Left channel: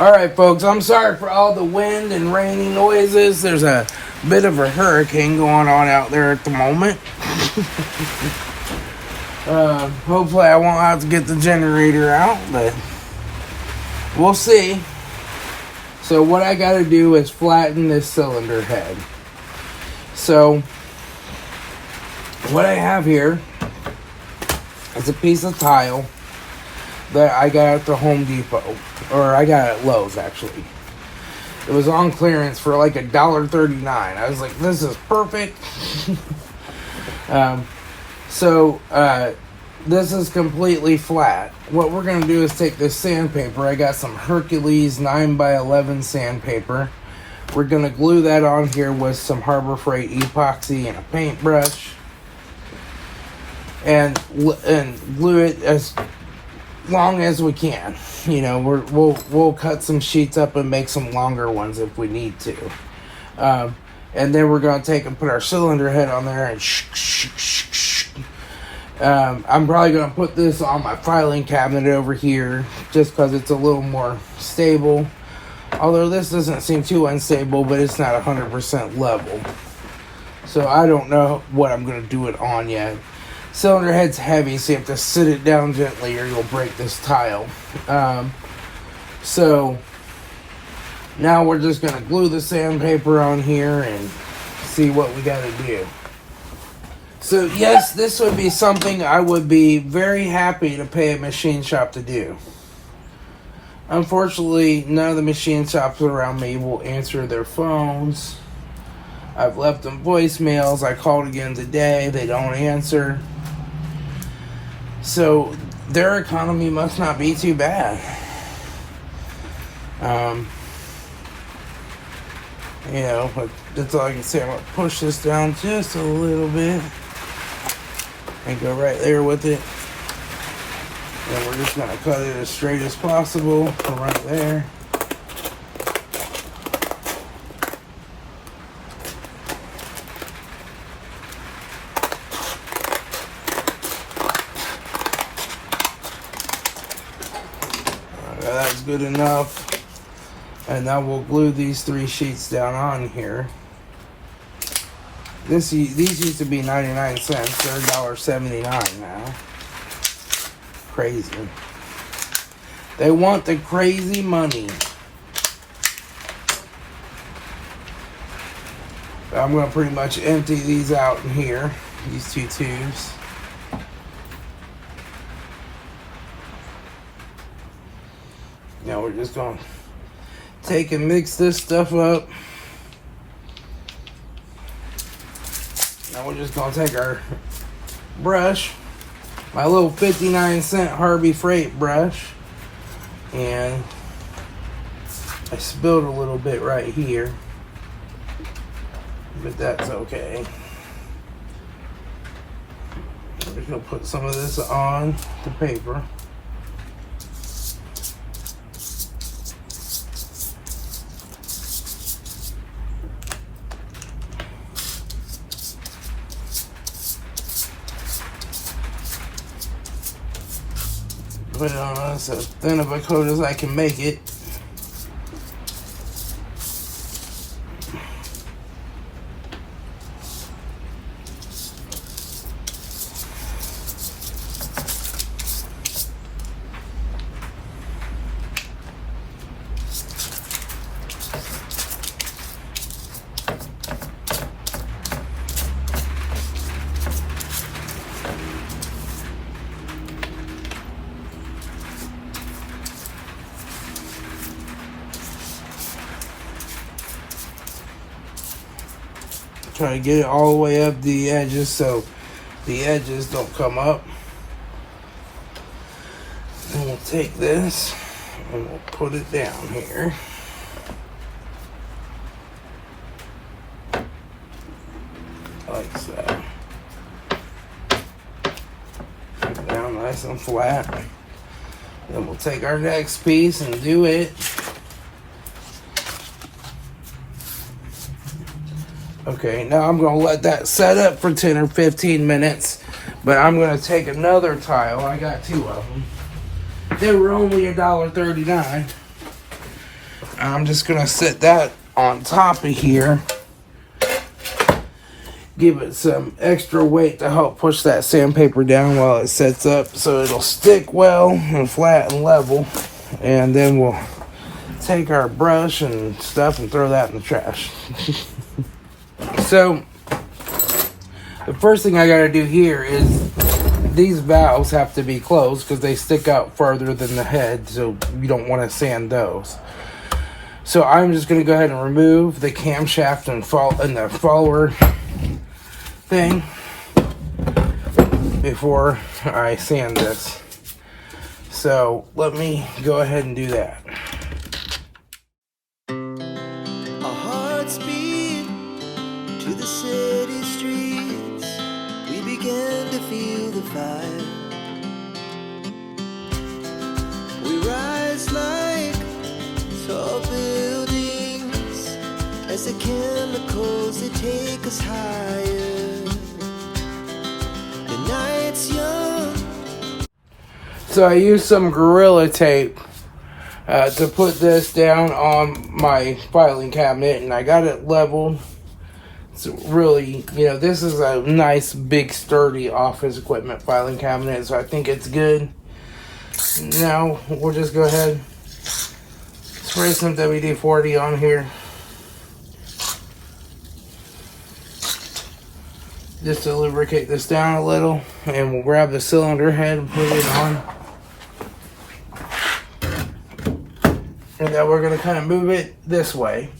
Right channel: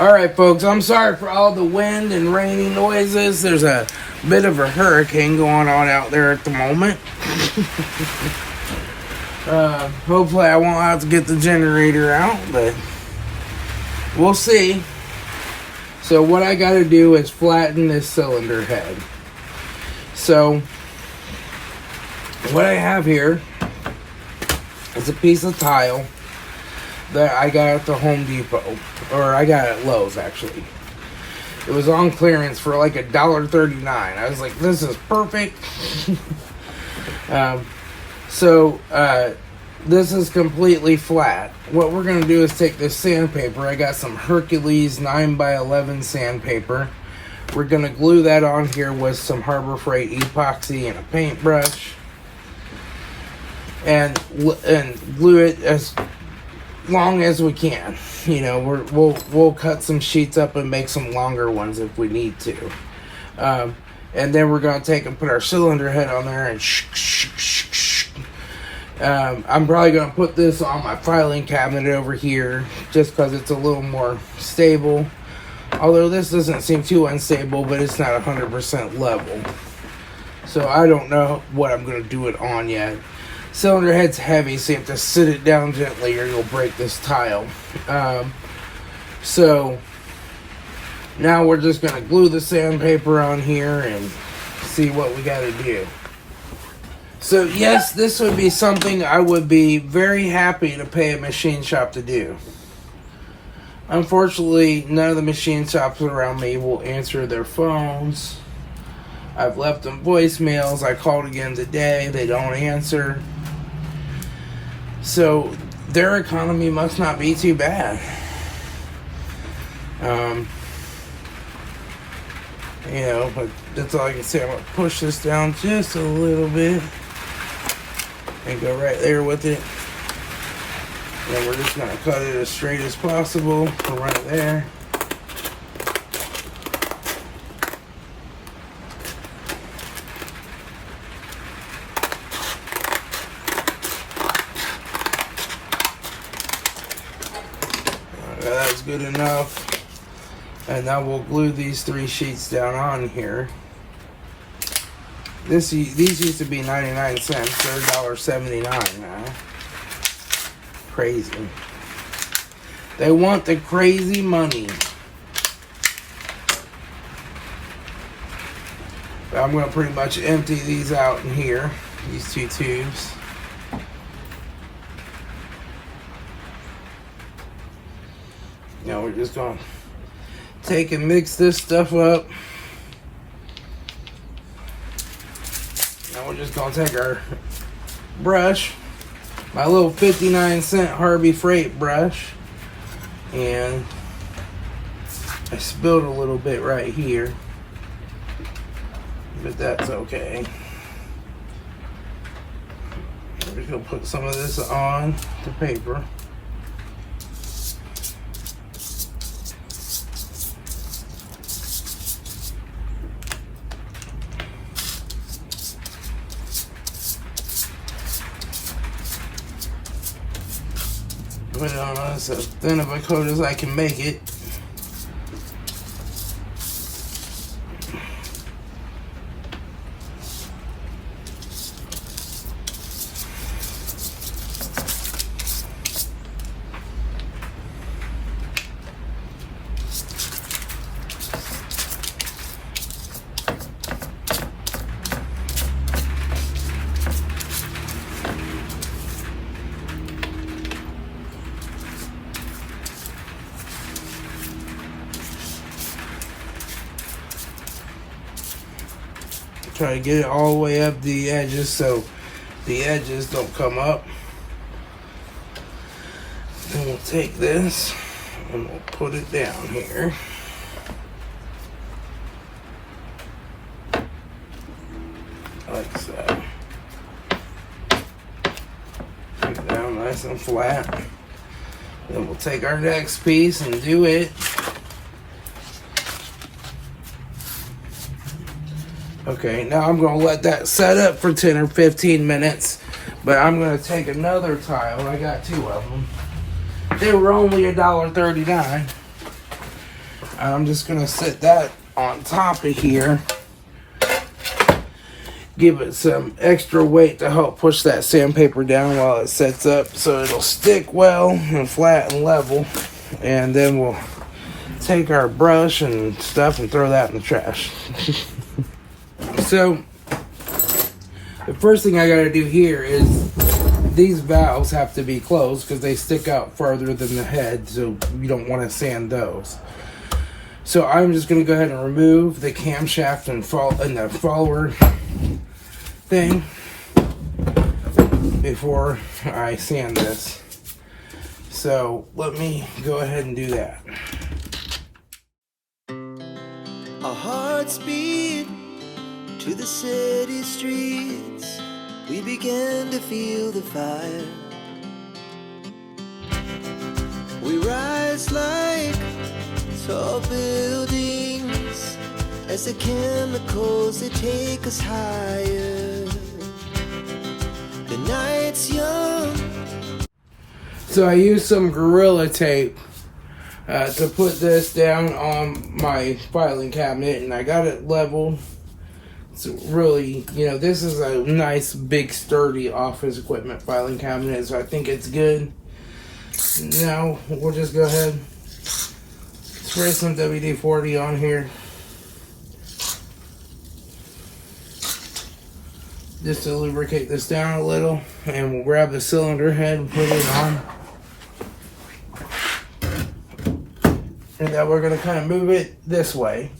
Alright folks, I'm sorry for all the wind and rainy noises. There's a bit of a hurricane going on out there at the moment. Hopefully I won't have to get the generator out, but we'll see. So what I gotta do is flatten this cylinder head. So what I have here is a piece of tile that I got at the Home Depot, or I got at Lowe's actually. It was on clearance for like $1.39. I was like, this is perfect. This is completely flat. What we're gonna do is take this sandpaper. I got some Hercules 9x11 sandpaper. We're gonna glue that on here with some Harbor Freight epoxy and a paintbrush, and glue it as long as we can. You know, we'll cut some sheets up and make some longer ones if we need to. And then we're gonna take and put our cylinder head on there and I'm probably gonna put this on my filing cabinet over here just because it's a little more stable. Although this doesn't seem too unstable, but it's not 100% level. So I don't know what I'm gonna do it on yet. Cylinder head's heavy, so you have to sit it down gently or you'll break this tile. So now we're just gonna glue the sandpaper on here and see what we gotta do. So yes, this would be something I would be very happy to pay a machine shop to do. Unfortunately, none of the machine shops around me will answer their phones. I've left them voicemails. I called again today. They don't answer. So their economy must not be too bad. You know, but that's all I can say. I'm going to push this down just a little bit and go right there with it. And we're just going to cut it as straight as possible from right there. That's good enough. And now we'll glue these 3 sheets down on here. These used to be 99 cents. They're $1.79 now. Crazy. They want the crazy money. But I'm going to pretty much empty these out in here. These 2 tubes. Now we're just going to take and mix this stuff up. Now we're just going to take our brush, my little 59-cent Harbor Freight brush, and I spilled a little bit right here, but that's okay. I'm just going to put some of this on the paper. Put it on as thin of a coat as I can make it. Try to get it all the way up the edges so the edges don't come up. And we'll take this and we'll put it down here. Like so. Put it down nice and flat. Then we'll take our next piece and do it. Okay, now I'm going to let that set up for 10 or 15 minutes. But I'm going to take another tile. I got 2 of them. They were only $1.39. I'm just gonna set that on top of here. Give it some extra weight to help push that sandpaper down while it sets up so it'll stick well and flat and level. And then we'll take our brush and stuff and throw that in the trash. So the first thing I gotta do here is these valves have to be closed because they stick out farther than the head, so you don't want to sand those. So I'm just gonna go ahead and remove the camshaft and the follower thing before I sand this. So let me go ahead and do that. Our hearts beat to the city streets. We began to feel the fire. We rise like tall buildings as the chemicals, they take us higher. The night's young. So I used some Gorilla Tape to put this down on my filing cabinet, and I got it leveled. It's really, this is a nice, big, sturdy office equipment filing cabinet, so I think it's good. Now we'll just go ahead, spray some WD-40 on here. Just to lubricate this down a little, and we'll grab the cylinder head and put it on. And then we're going to kind of move it this way,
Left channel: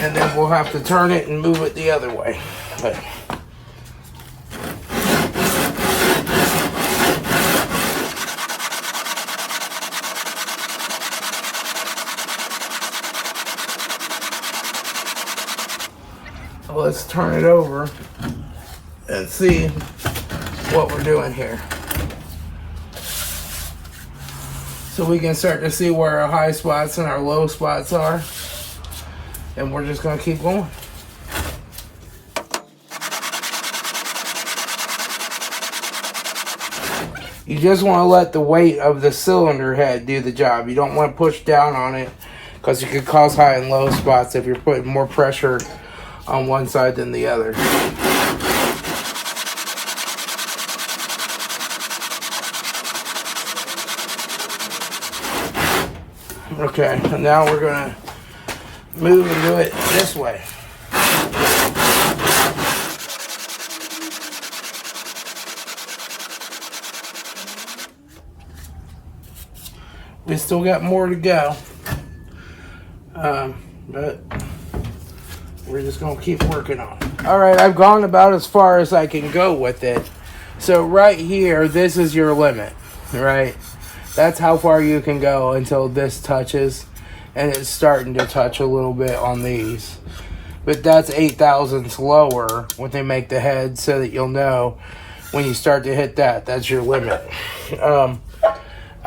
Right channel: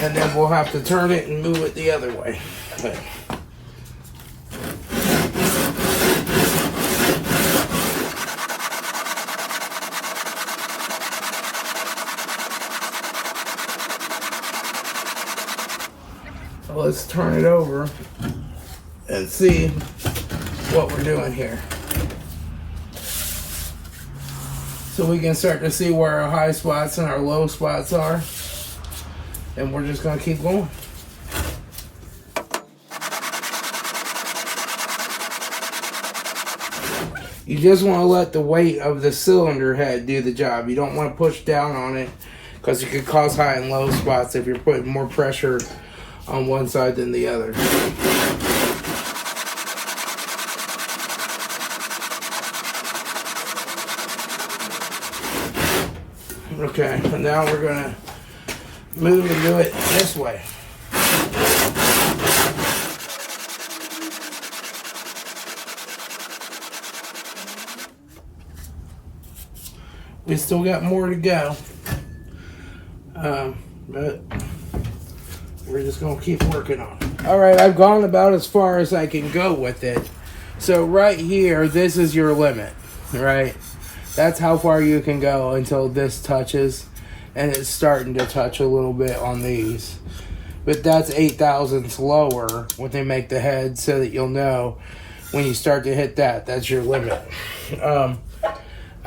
and then we'll have to turn it and move it the other way. Okay. So let's turn it over and see what we're doing here. So we can start to see where our high spots and our low spots are. And we're just going to keep going. You just want to let the weight of the cylinder head do the job. You don't want to push down on it because it could cause high and low spots if you're putting more pressure on one side than the other. Okay, and now we're going to move and do it this way. We still got more to go, but we're just going to keep working on it. All right, I've gone about as far as I can go with it. So right here, this is your limit, right? That's how far you can go until this touches, and it's starting to touch a little bit on these. But that's 8 thousandths lower when they make the head, so that you'll know when you start to hit that, that's your limit. I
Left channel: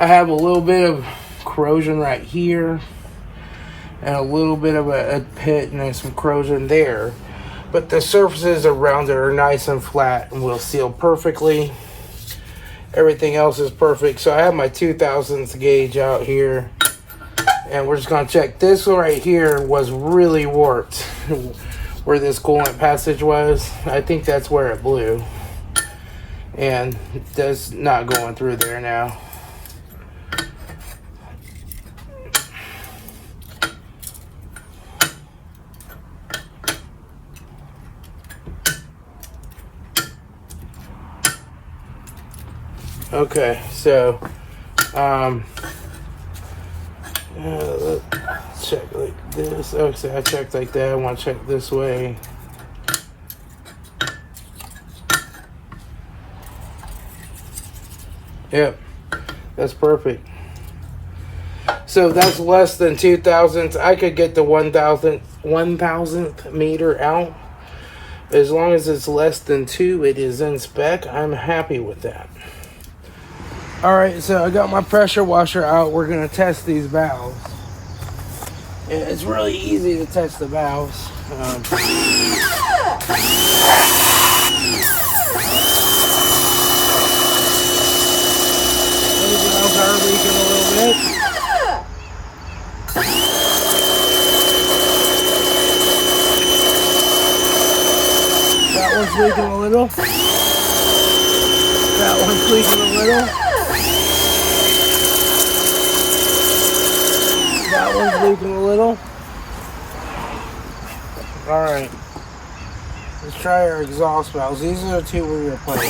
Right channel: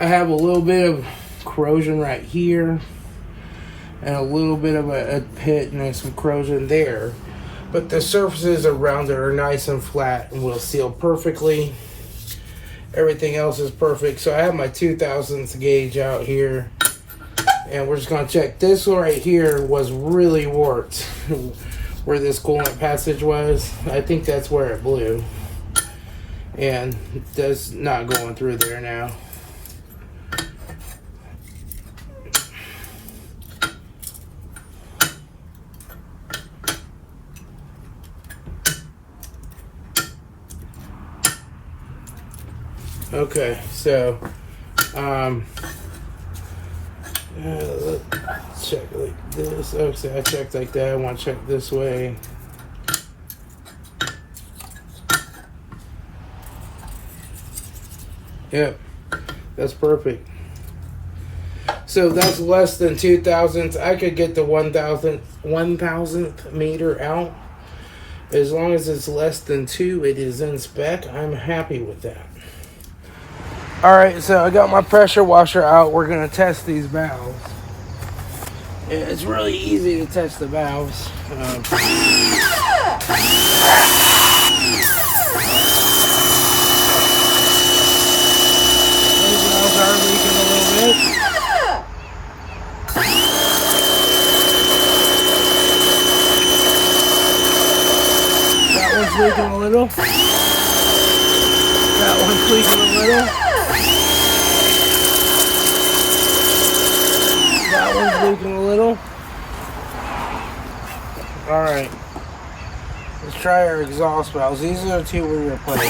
have a little bit of corrosion right here, and a little bit of a pit and some corrosion there. But the surfaces around it are nice and flat and will seal perfectly. Everything else is perfect. So I have my 2 thousandths gauge out here, and we're just going to check. This one right here was really warped where this coolant passage was. I think that's where it blew, and that's not going through there now. Okay, so let's check like this. Okay, I checked like that. I want to check this way. Yep, that's perfect. So that's less than 2 thousandths. I could get the 1,000th meter out. As long as it's less than 2, it is in spec. I'm happy with that. Alright, so I got my pressure washer out. We're going to test these valves. Yeah, it's really easy to test the valves. These valves are leaking a little bit. one's leaking a little. That one's leaking a little. That one's leaking a little. Alright. Let's try our exhaust valves. These are the two we replaced.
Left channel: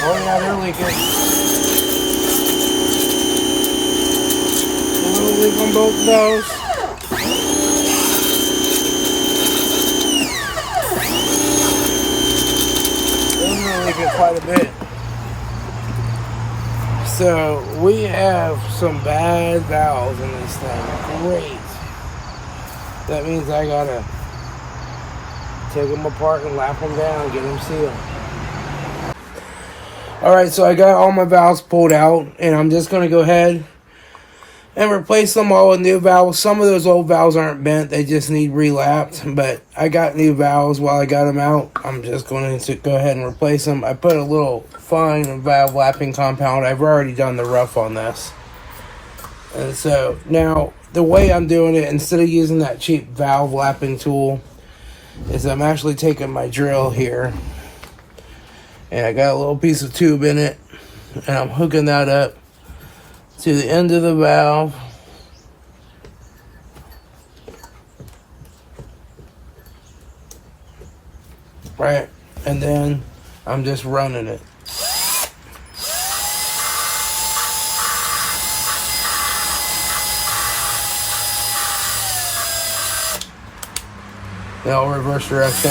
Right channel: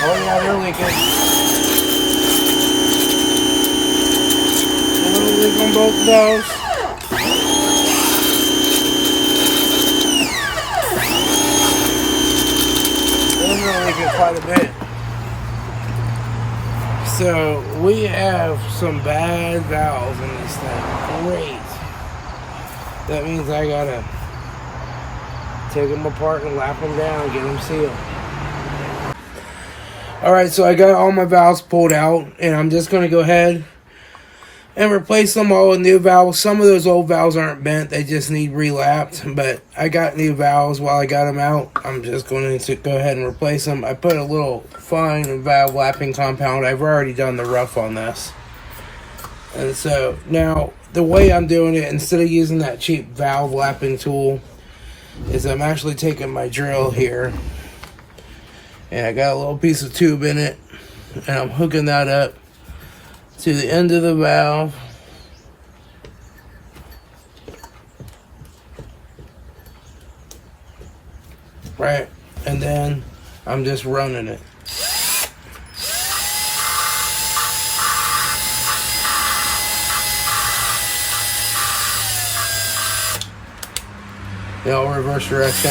Oh yeah, they're leaking. A little leak on both of those. Those are leaking quite a bit. So we have some bad valves in this thing. Great. That means I gotta take them apart and lap them down and get them sealed. Alright, so I got all my valves pulled out, and I'm just going to go ahead and replace them all with new valves. Some of those old valves aren't bent, they just need relapped, but I got new valves while I got them out. I'm just going to go ahead and replace them. I put a little fine valve lapping compound. I've already done the rough on this. And so now the way I'm doing it, instead of using that cheap valve lapping tool, is I'm actually taking my drill here, and I got a little piece of tube in it, and I'm hooking that up to the end of the valve. Right, and then I'm just running it. Now reverse direction.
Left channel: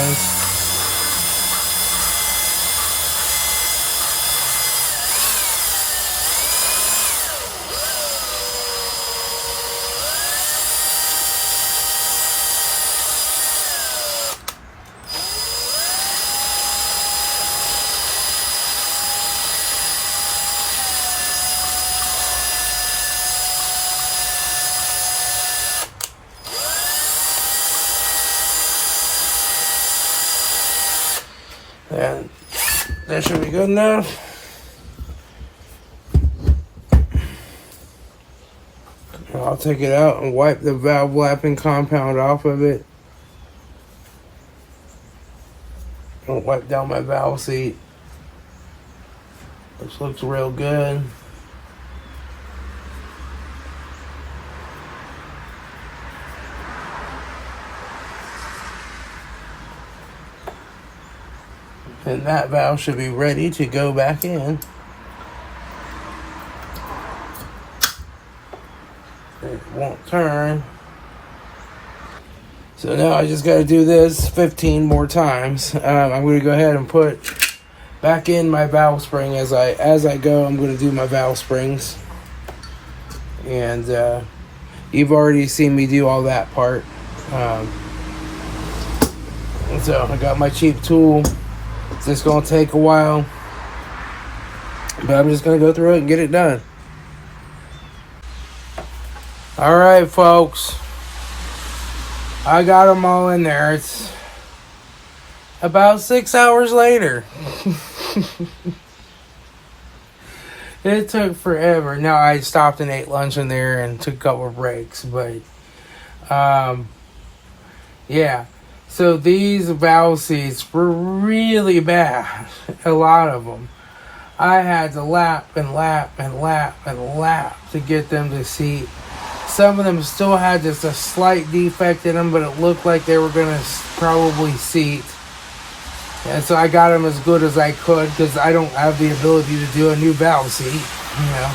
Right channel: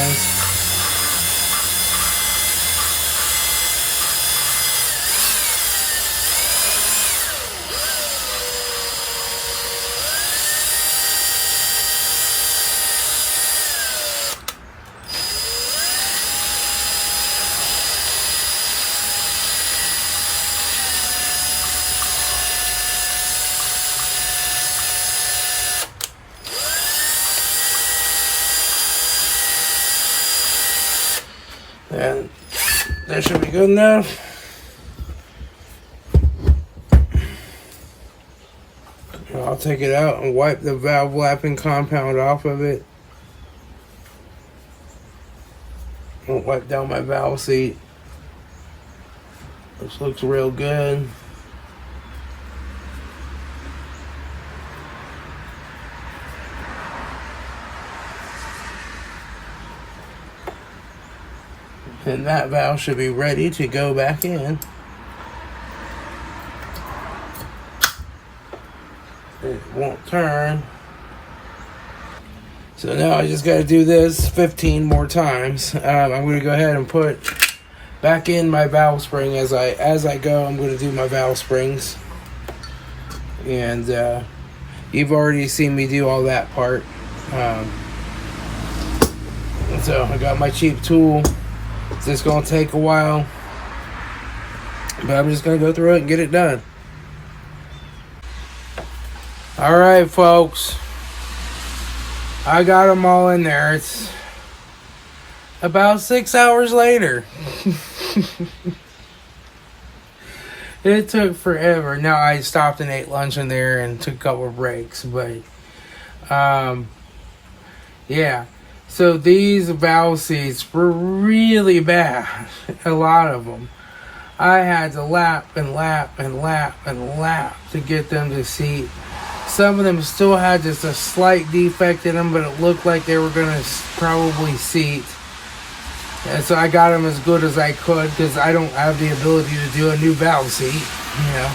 And that should be good enough. I'll take it out and wipe the valve lapping compound off of it. I'll wipe down my valve seat. This looks real good. And that valve should be ready to go back in. It won't turn. So now I just got to do this 15 more times. I'm going to go ahead and put back in my valve spring as I go. I'm going to do my valve springs. And you've already seen me do all that part. So I got my cheap tool. It's just going to take a while, but I'm just going to go through it and get it done. Alright, folks. I got them all in there. It's about 6 hours later. It took forever. Now, I stopped and ate lunch in there and took a couple of breaks, but yeah. So these valve seats were really bad, a lot of them. I had to lap and lap and lap and lap to get them to seat. Some of them still had just a slight defect in them, but it looked like they were going to probably seat. And so I got them as good as I could, because I don't have the ability to do a new valve seat. You know,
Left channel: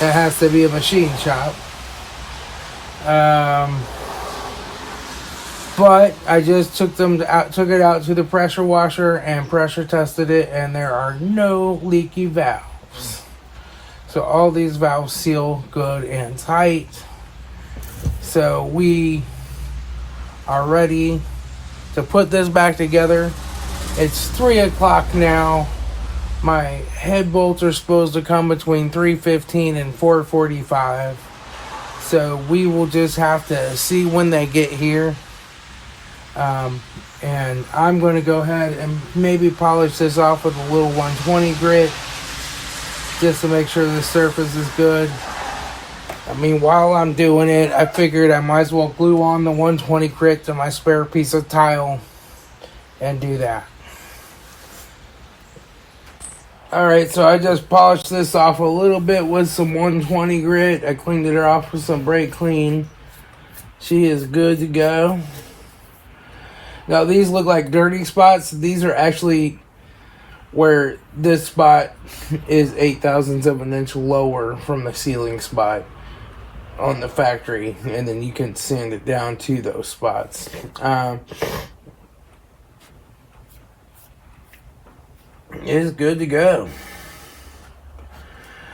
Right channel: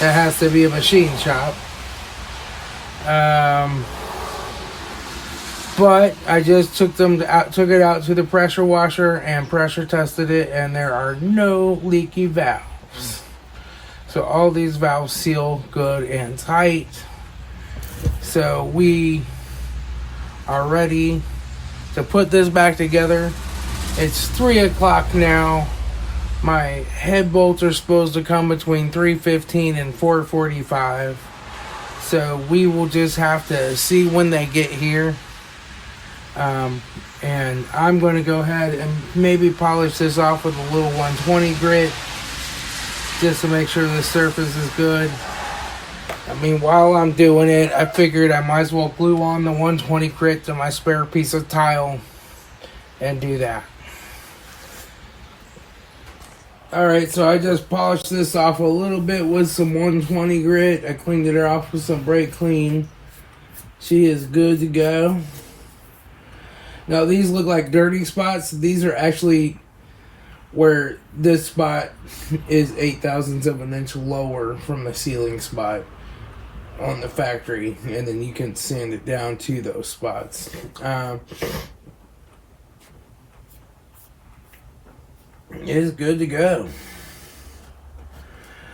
that has to be a machine shop. But I just took it out to the pressure washer and pressure tested it, and there are no leaky valves. So all these valves seal good and tight. So we are ready to put this back together. It's 3 o'clock now. My head bolts are supposed to come between 3:15 and 4:45. So we will just have to see when they get here. And I'm going to go ahead and maybe polish this off with a little 120 grit just to make sure the surface is good. I mean, while I'm doing it, I figured I might as well glue on the 120 grit to my spare piece of tile and do that. Alright, so I just polished this off a little bit with some 120 grit. I cleaned it off with some brake clean. She is good to go. Now these look like dirty spots. These are actually where this spot is 0.8 of an inch lower from the sealing spot on the factory, and then you can sand it down to those spots. It's good to go.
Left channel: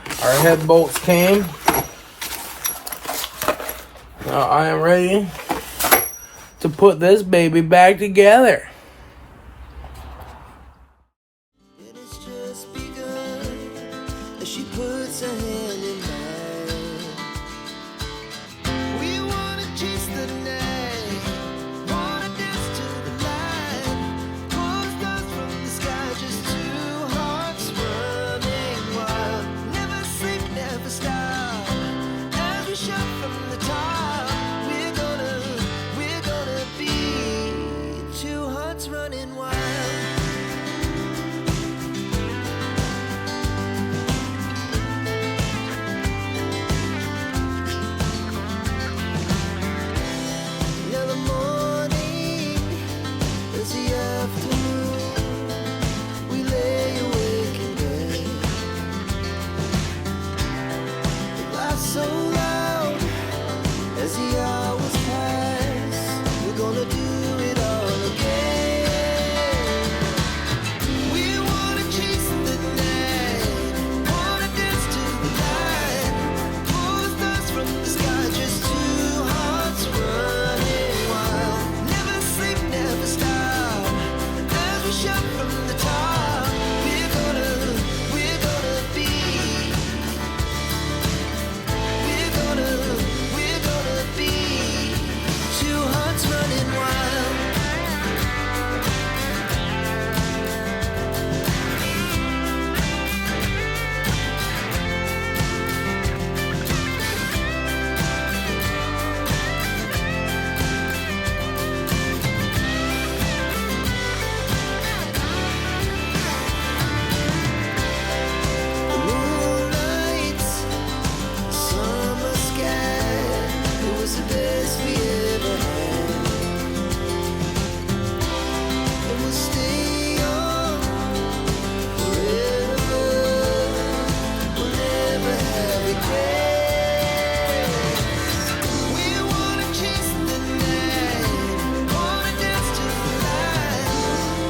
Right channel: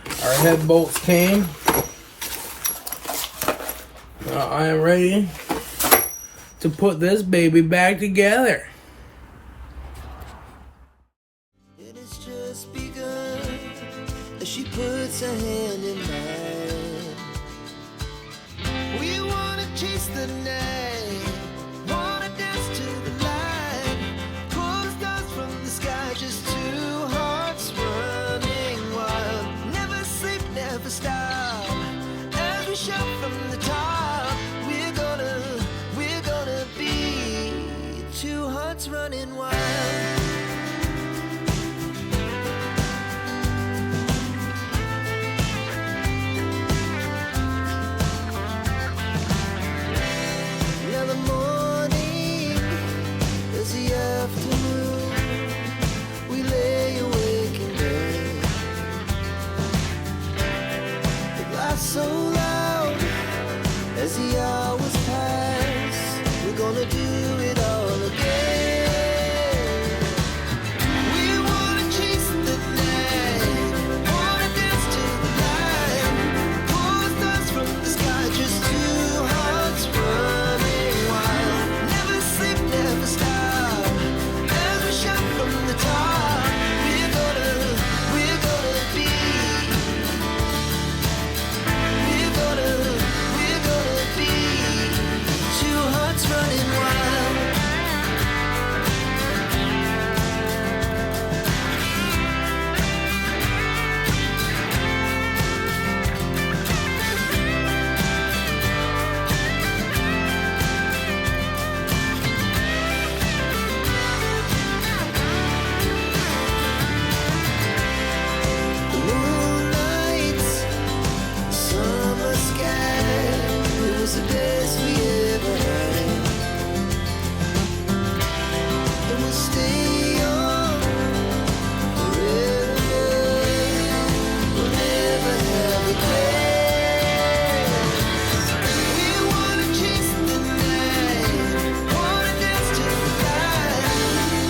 Our head bolts came. Now I am ready to put this baby back together. It has just begun as she puts her hand in mine. We wanna chase the night, wanna dance to the light, pull the stars from the sky, just two hearts running wild. Never sleep, never stop, as we shout from the top. We're gonna be two hearts running wild. Now the morning is the afternoon. We lay awake in bed. The laughs so loud as the hours pass. We're gonna do it all again. We wanna chase the night, wanna dance to the light, pull the stars from the sky, just two hearts running wild. Never sleep, never stop, as we shout from the top. We're gonna be, we're gonna be two hearts running wild. The moonlight, summer sky, it was the best we ever had. And we'll stay young forever. We'll never have regrets. We wanna chase the night, wanna dance to the light,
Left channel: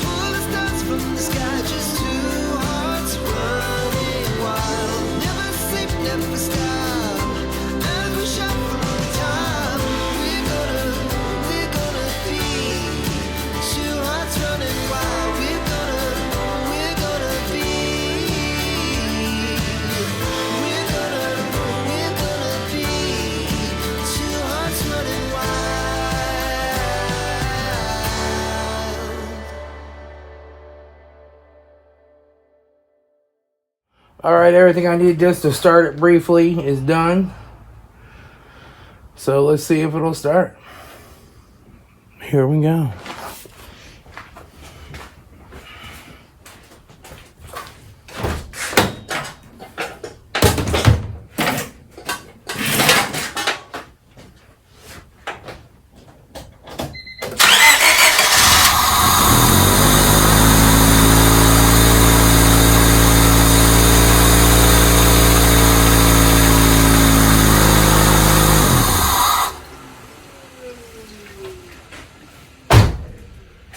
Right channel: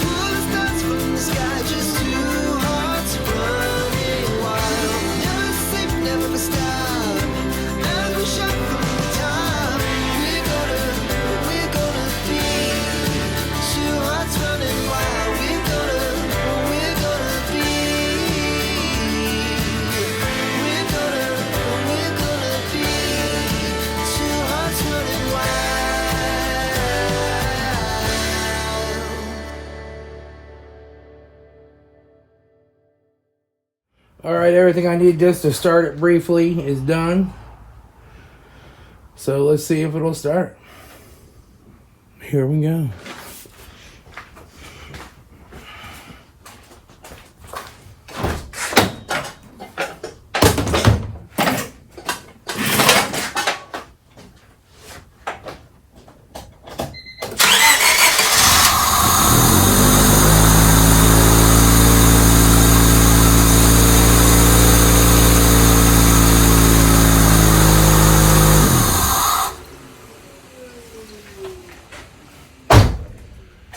pull the stars from the sky, just two hearts running wild. Never sleep, never stop, as we shout from the top. We're gonna be two hearts running wild. We're gonna be, we're gonna be two hearts running wild. Alright, everything I need just to start it briefly is done. So let's see if it'll start. Here we go.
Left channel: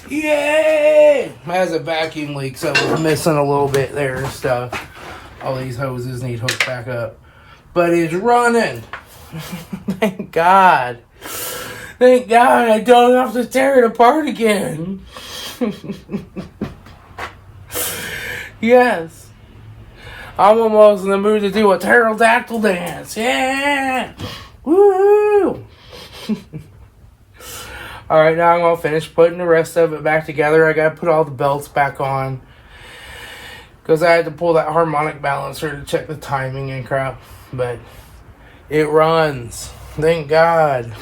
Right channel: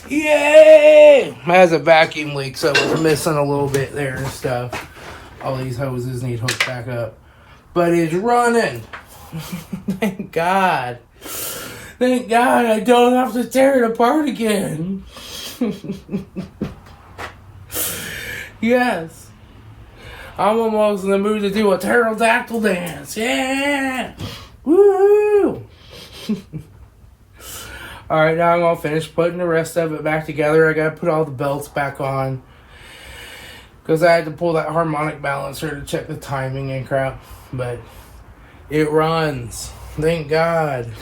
Yay! It has a vacuum leak, so it's missing a little bit there and stuff. All these hoses need hooked back up. But it's running. Thank God. Thank God I don't have to tear it apart again. Yes. I'm almost in the mood to do a pterodactyl dance. Yeah! Woo! Alright, now I'm going to finish putting the rest of it back together. I got to put all the belts back on, because I had to pull that harmonic balancer to check the timing and crap. But it runs. Thank God.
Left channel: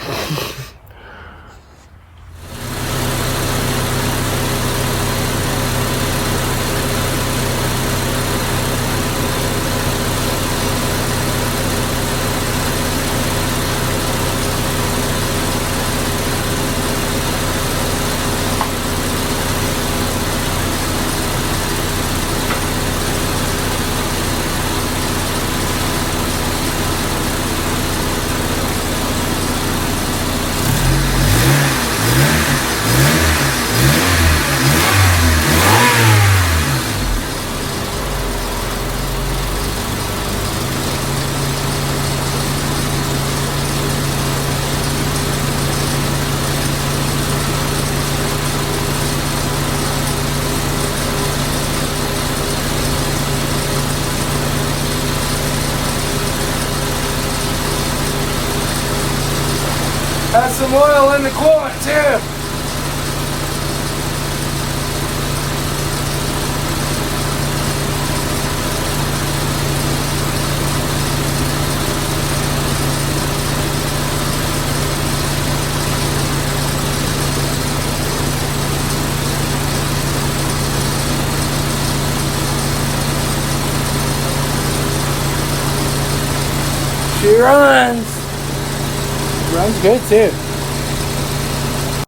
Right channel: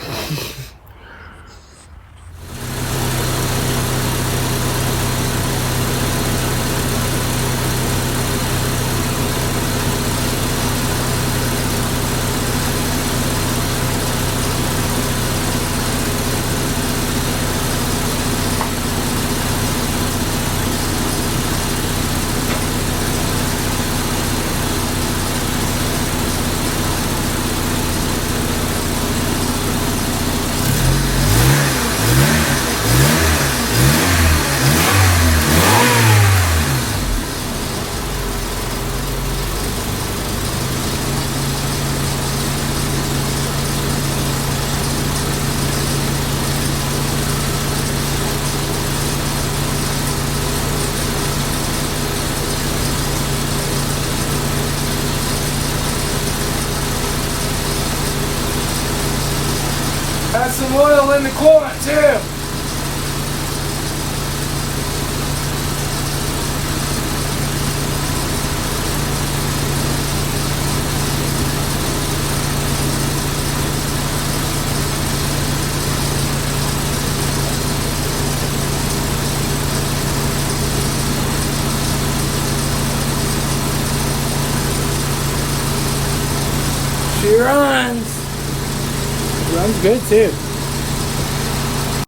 Has some oil in the quart too. She runs. Runs good too.